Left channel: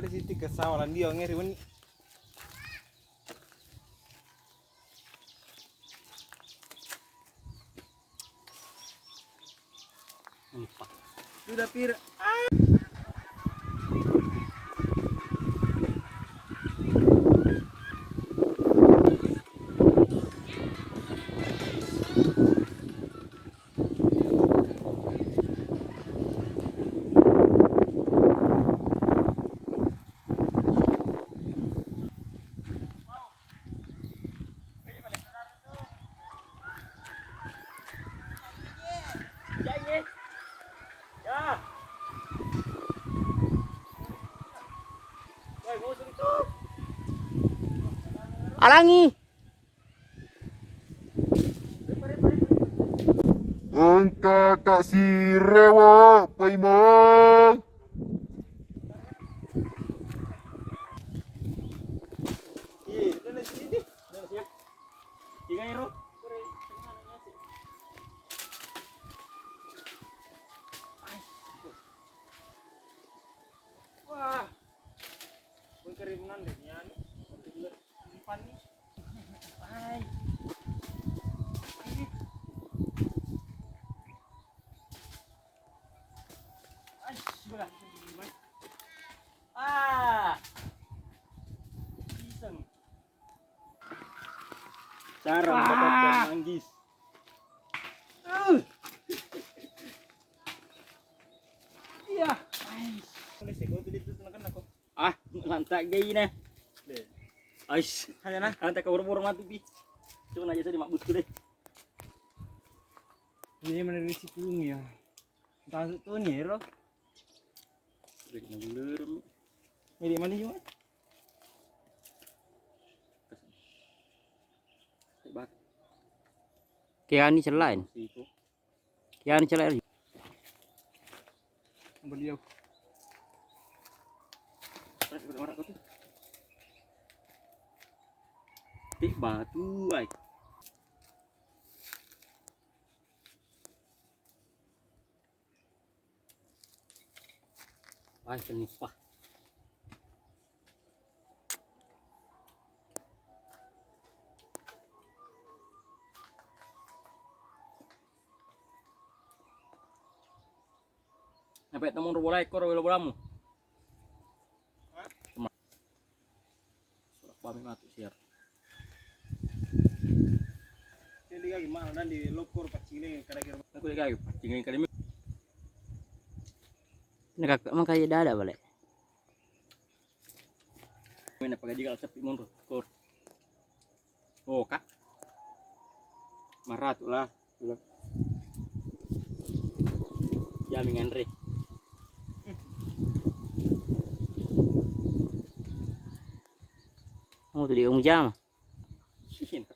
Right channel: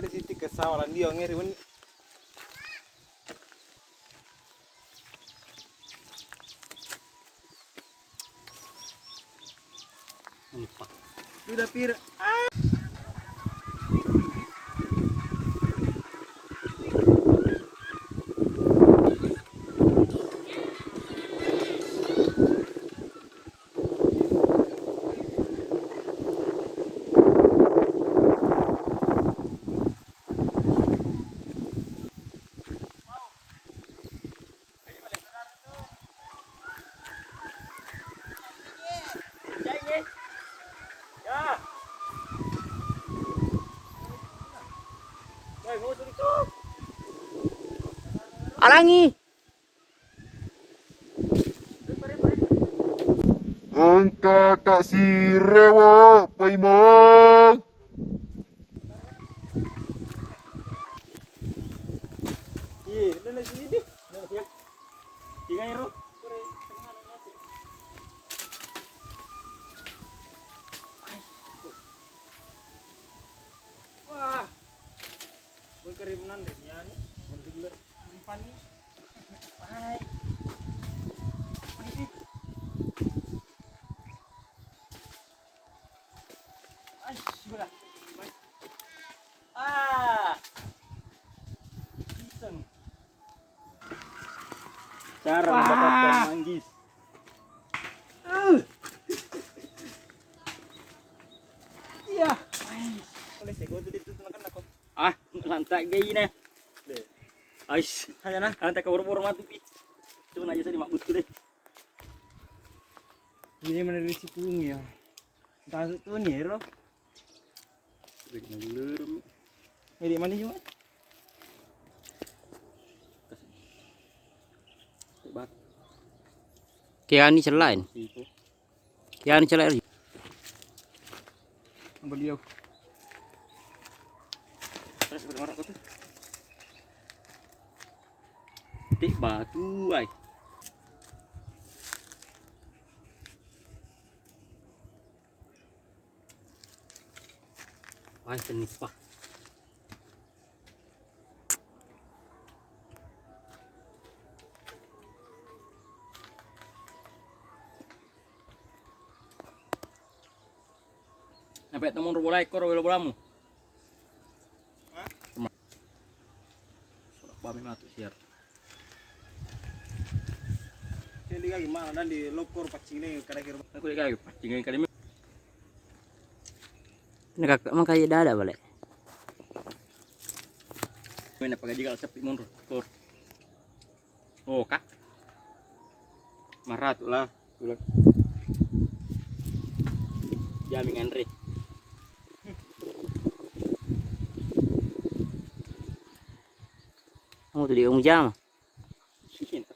Ada sitik kesawalan dia ngeri pun. Empat. Sudah pir. Alangi. Angka tak sirewa, Paimon. Iya, udah sini deh. Tiga iro. Wah. Berkerimunan deh ya. Untuk bulan panik. Hai. Ay, sudah. Ah. Iseng. Cara mendapatkan manggis. Iya. Boleh saya gua tuh tenakan aku. Ah, lantai gay nih. Deh. Ais, Hanya nah. lantai ke burung mati pi. Cuma aja saya dimakbut deh. Ini menurut si pung ya. Tahu tuh nih, Ro. Mirip mana cuma? Kaya ni selain. Kaya ni selain. Beliau. Terus orang kau tu. Tik batu ay. Ay, penipah. Napet namun robola ekor robola bolamu. Hah? Babi ngatu siar. Jadi kayak gimana dan di lokor pacing ini kira-kira. Aku dah kayu pacing yang kadang. Nak emang kaya dah ada balik. Mana pakai juga sepi mundur. Tur. Oh kak. Marah tu lah. Jamin Andre. Kamu tu dia jam. Sini.